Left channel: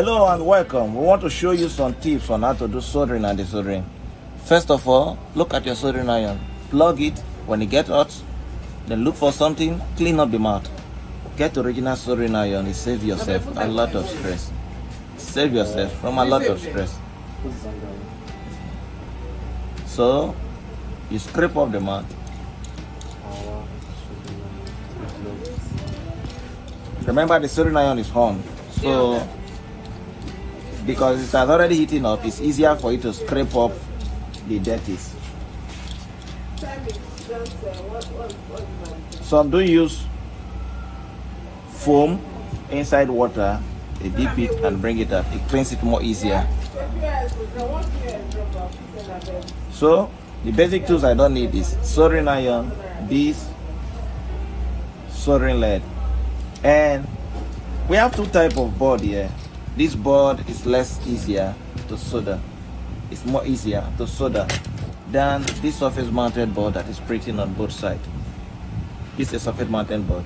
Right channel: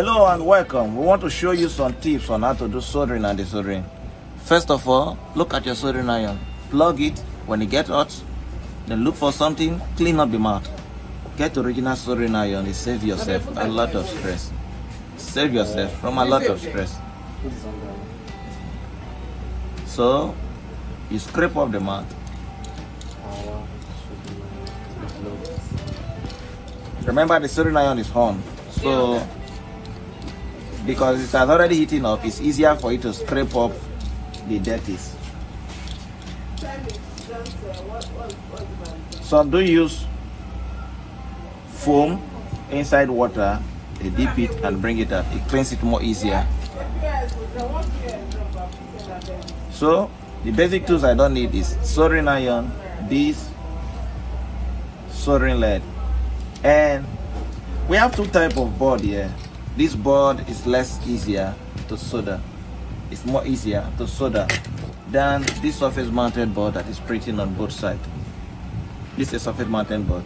Hello and welcome. We want to show you some tips on how to do soldering and desoldering. First of all, look at your soldering iron. Plug it when it gets hot. Then look for something, clean up the mouth. Get original soldering iron. It saves yourself a lot of stress. Save yourself from a lot of stress. So, you scrape off the mouth. Remember, the soldering iron is on. So, because it has already heating up, it's easier for you to scrape up the dirties. Some do use foam inside water, they dip it and bring it up. It cleans it more easier. So the basic tools I don't need is soldering iron, this soldering lead, and we have two types of board here. This board is easier to solder. It's more easier to solder than this surface mounted board that is printing on both sides. This is a surface mounted board.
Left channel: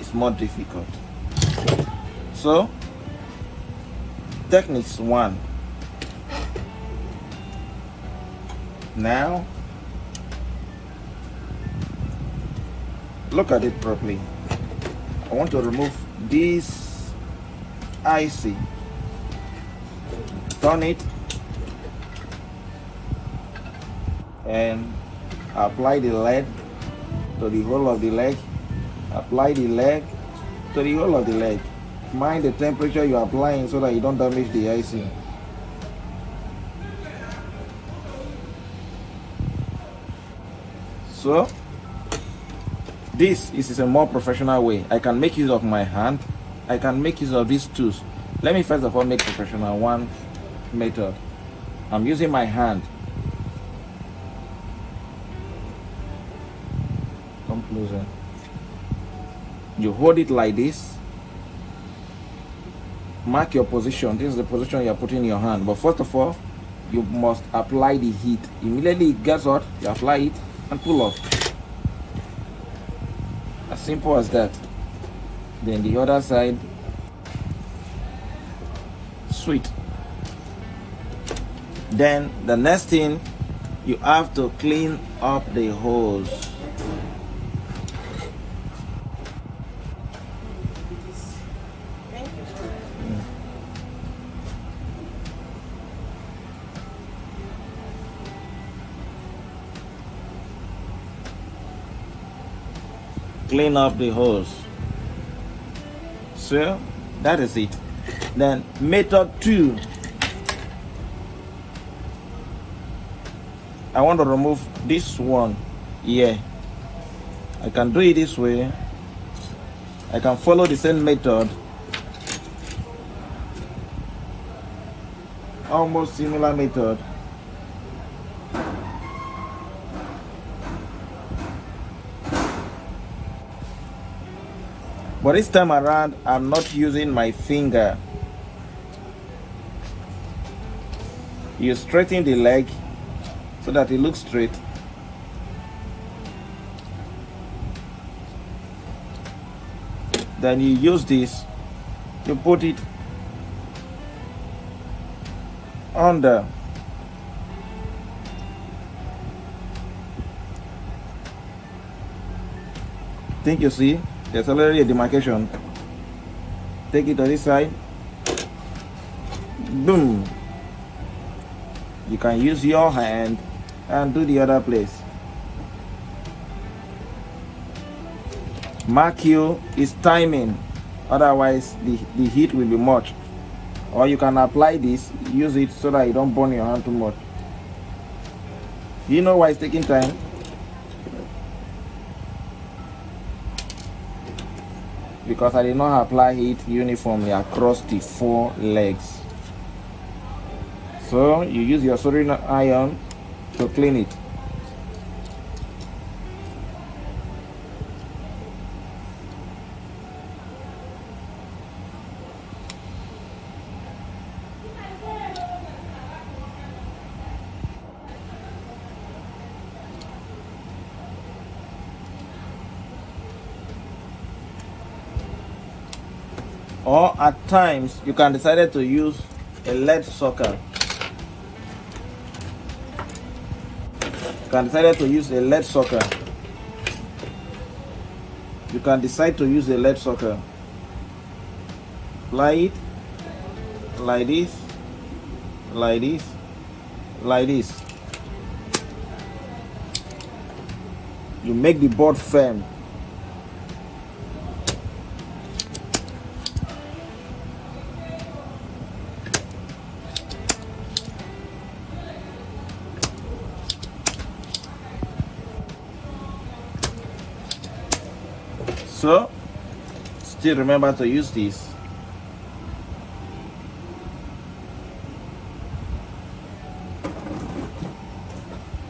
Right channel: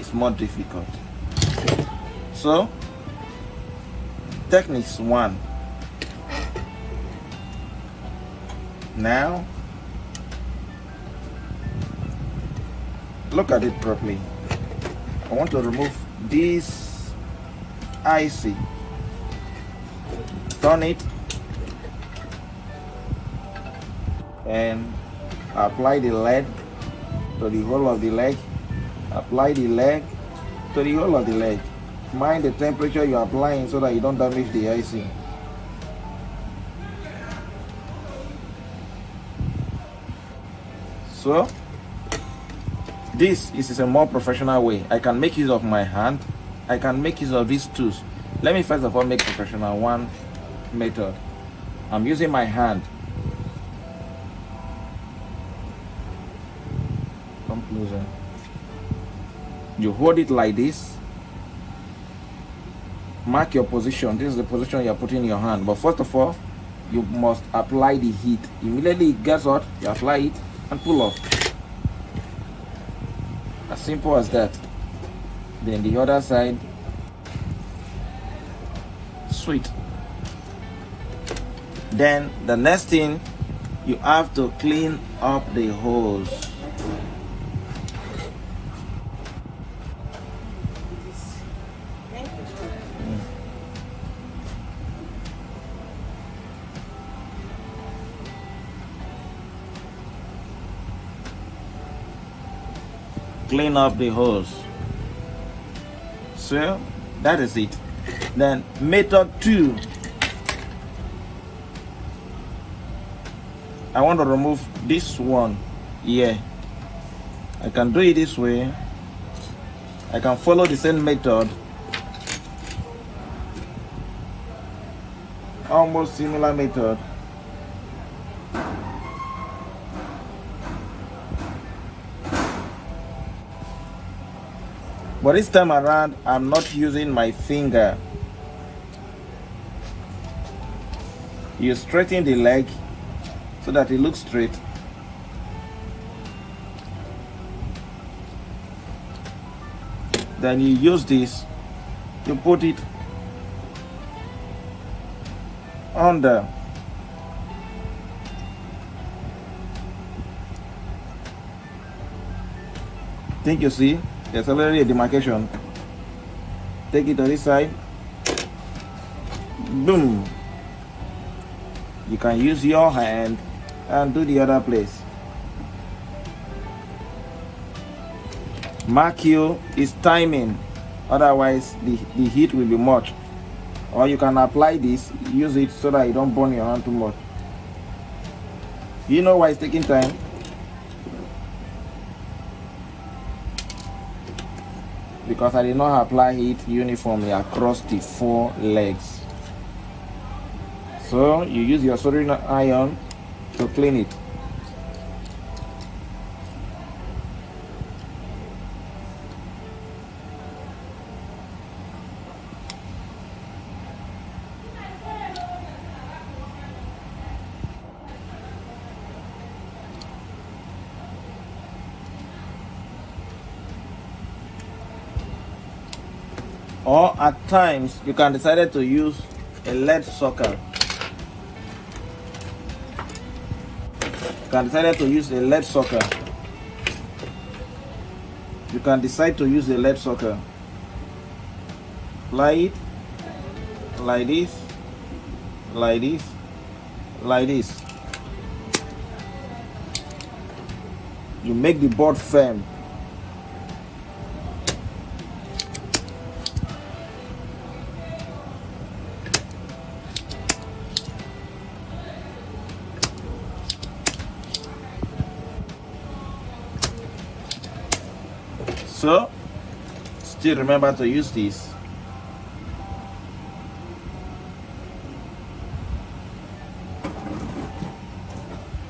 It's more difficult. So, techniques 1. Now, look at it properly. I want to remove this IC. Turn it and apply the lead to the whole of the leg. Apply the leg to the whole of the leg. Mind the temperature you're applying so that you don't damage the IC. So this is a more professional way. I can make use of my hand. I can make use of these tools. Let me first of all make professional one method. I'm using my hand. Come closer. You hold it like this. Mark your position. This is the position you're putting in your hand. But first of all, you must apply the heat. Immediately it gets hot, you apply it and pull off. As simple as that. Then the other side. Sweet. Then the next thing, you have to clean up the holes. Clean up the holes. So that is it. Then method 2. I want to remove this one here. I can do it this way. I can follow the same method. Almost similar method. But this time around, I'm not using my finger. You straighten the leg so that it looks straight. Then you use this, you put it under. Think you see? There's already a demarcation. Take it to this side. Boom. You can use your hand and do the other place. Mark you is timing. Otherwise, the heat will be much. Or you can apply this, use it so that you don't burn your hand too much. You know why it's taking time? Because I did not apply it uniformly across the 4 legs. So you use your soldering iron to clean it. Or at times you can decide to use a lead socket. You can decide to use a lead socket. You can decide to use a lead socket. Apply it like this, like this, like this. You make the board firm. So, still remember to use this.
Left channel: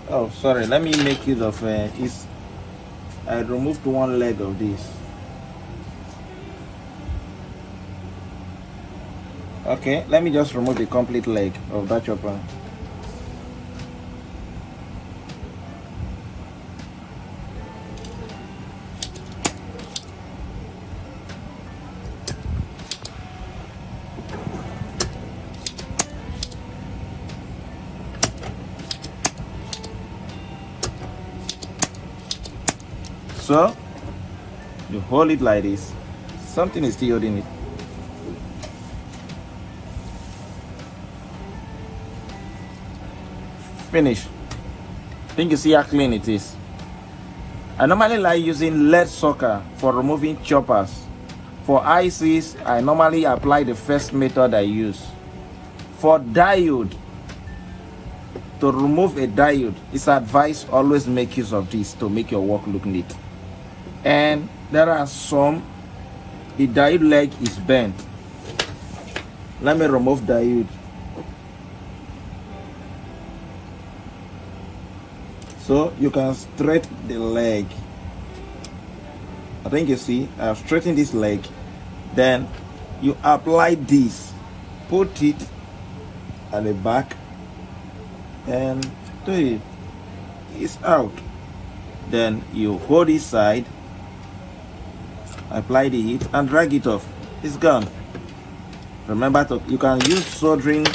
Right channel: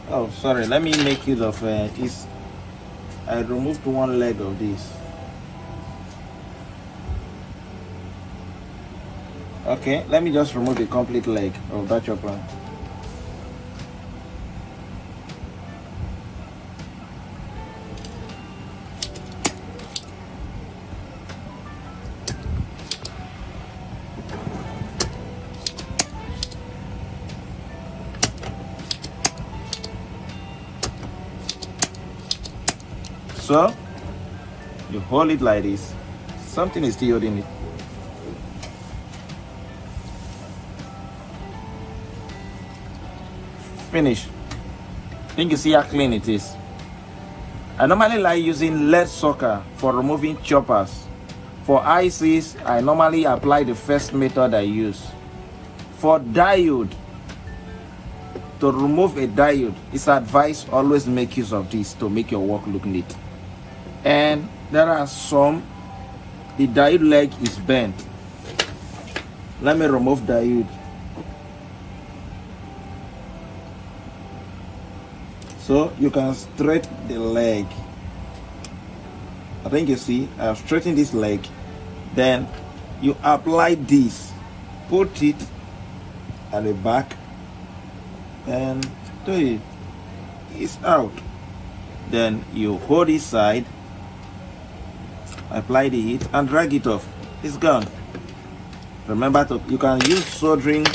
Oh, sorry, let me make use of this. I removed one leg of this. Okay, let me just remove the complete leg of that chopper. So, you hold it like this. Something is still holding it. Finish. Think you see how clean it is. I normally like using lead socket for removing choppers. For ICs, I normally apply the first method I use. For diode, to remove a diode, it's advised always make use of this to make your work look neat. And there are some, the diode leg is bent. Let me remove diode. So you can straighten the leg. I think you see, I've straightened this leg. Then you apply this, put it at the back, and it's out. Then you hold this side, apply the heat, and drag it off. It's gone. Remember, you can use soldering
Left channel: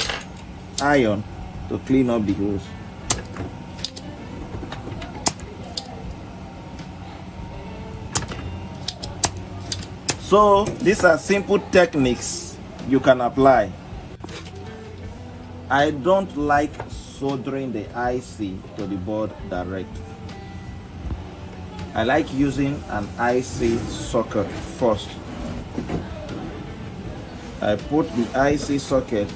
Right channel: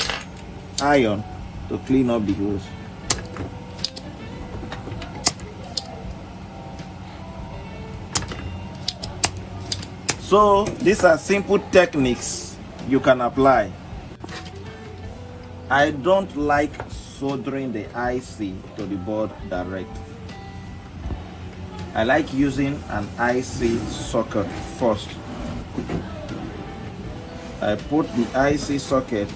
iron to clean up the holes. So these are simple techniques you can apply. I don't like soldering the IC to the board direct. I like using an IC socket first. I put the IC socket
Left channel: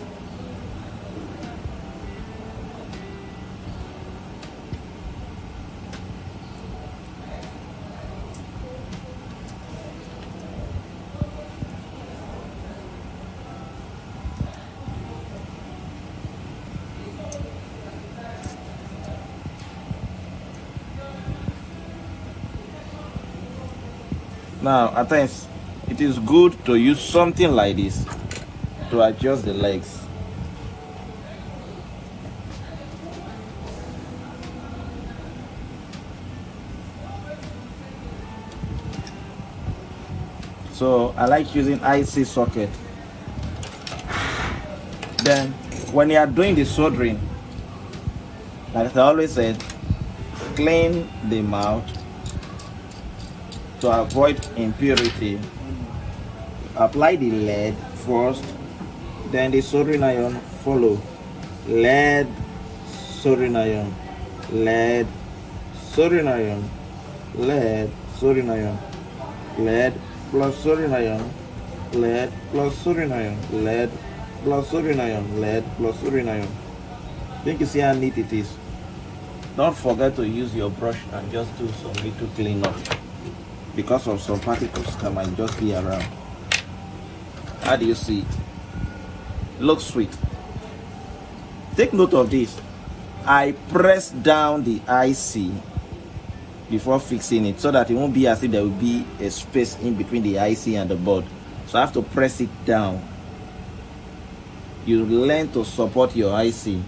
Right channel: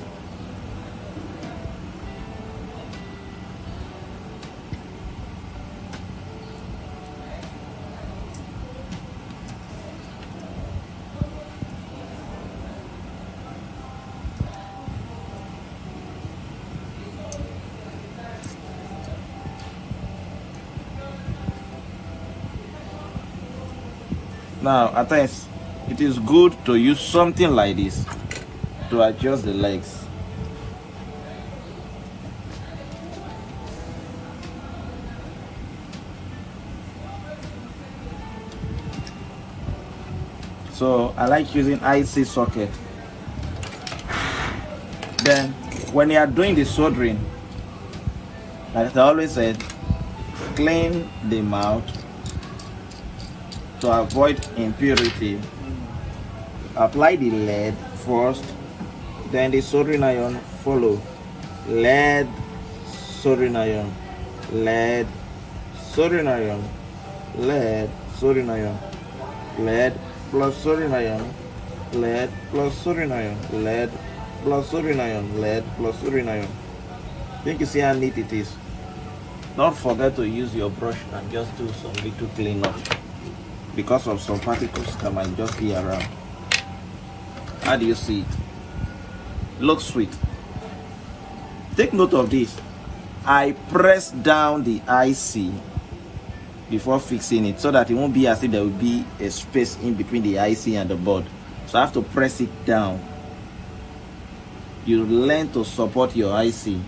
now. At times, it is good to use something like this to adjust the legs. So I like using IC socket. Then when you are doing the soldering, like I always said, clean the mouth to avoid impurity. Apply the lead first, then the soldering iron follow. Lead, soldering iron, lead, soldering iron, lead, soldering iron, lead plus soldering iron, lead plus soldering iron, lead plus soldering iron, lead plus soldering iron. Think you see how neat it is. Don't forget to use your brush and just do some little cleanup, because of some particles that might just be around. How do you see it? Looks sweet. Take note of this. I press down the IC before fixing it so that it won't be as if there will be a space in between the IC and the board. So I have to press it down. You learn to support your IC.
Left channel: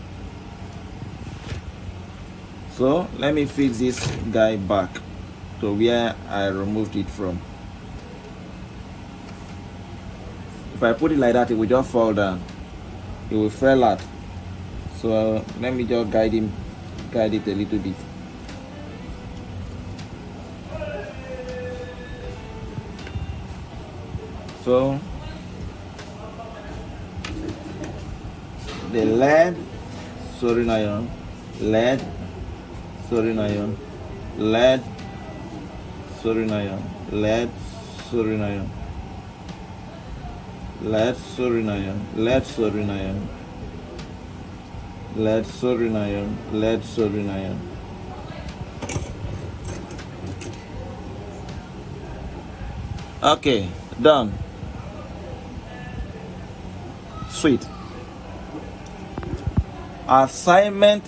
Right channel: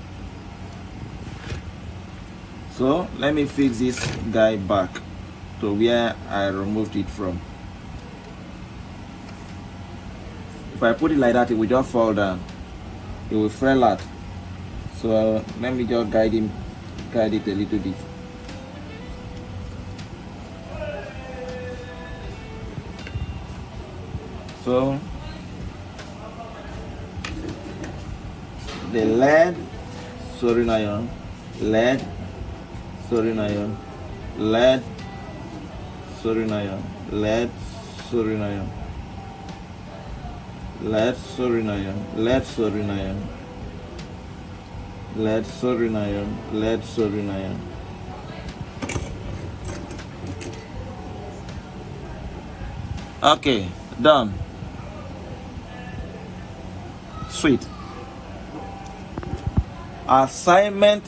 So let me fix this guy back to where I removed it from. If I put it like that, it will just fall down. It will fall out. So let me just guide it a little bit. So the lead soldering iron, lead soldering iron, lead soldering iron, lead soldering iron, lead soldering iron, lead soldering iron, lead soldering iron, lead soldering iron. Okay, done. Sweet. Assignment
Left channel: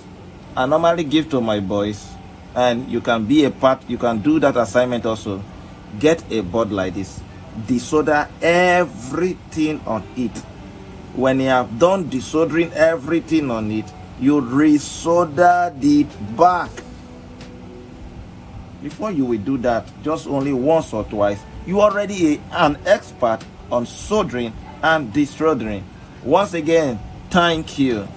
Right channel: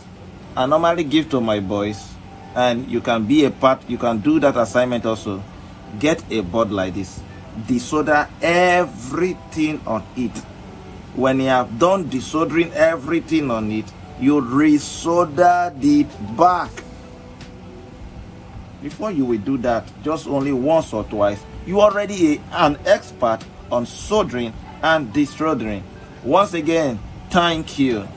I normally give to my boys, and you can be a part, you can do that assignment also. Get a board like this, desolder everything on it. When you have done desoldering everything on it, you resolder the back. Before you will do that, just only once or twice, you already an expert on soldering and desoldering. Once again, thank you.